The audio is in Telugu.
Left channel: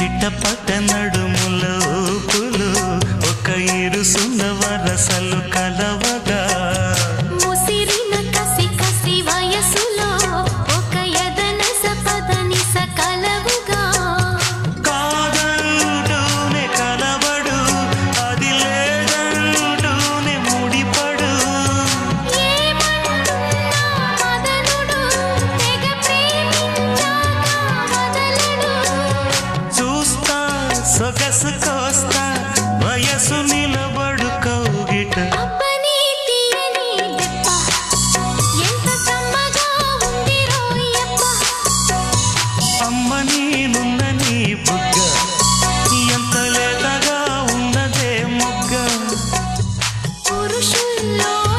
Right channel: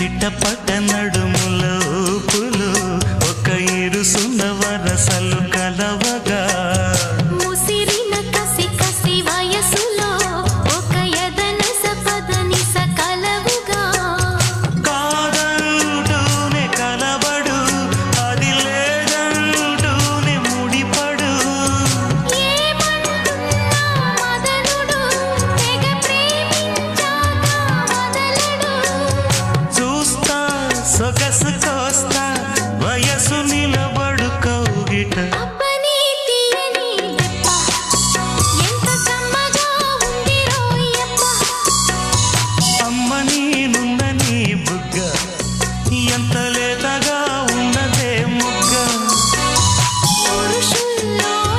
చిట్టపట్ట నడుముల ఊపులు ఒక ఇరుసున్న వరసలు కలవగా ముసిరిన కసి కసి వయసులో ఒక యదన సపదని సకలవుగా కాదంటూనే కలబడు అది లేదంటూనే ముడిపడు ఏమంటున్నా మదనుడు తెగ ప్రేమించాక వదలడు చూస్తా సొగసు కోస్తా వయసు నిలబడు కౌగిట అబ్బని తీయని దెబ్బ ఎంత కమ్మగా ఉంది రోయప్ప అమ్మ నేనున్న నీ బుగ్గ ఎంత లేతగా ఉన్నదే మొగ్గ పురుషుల్లో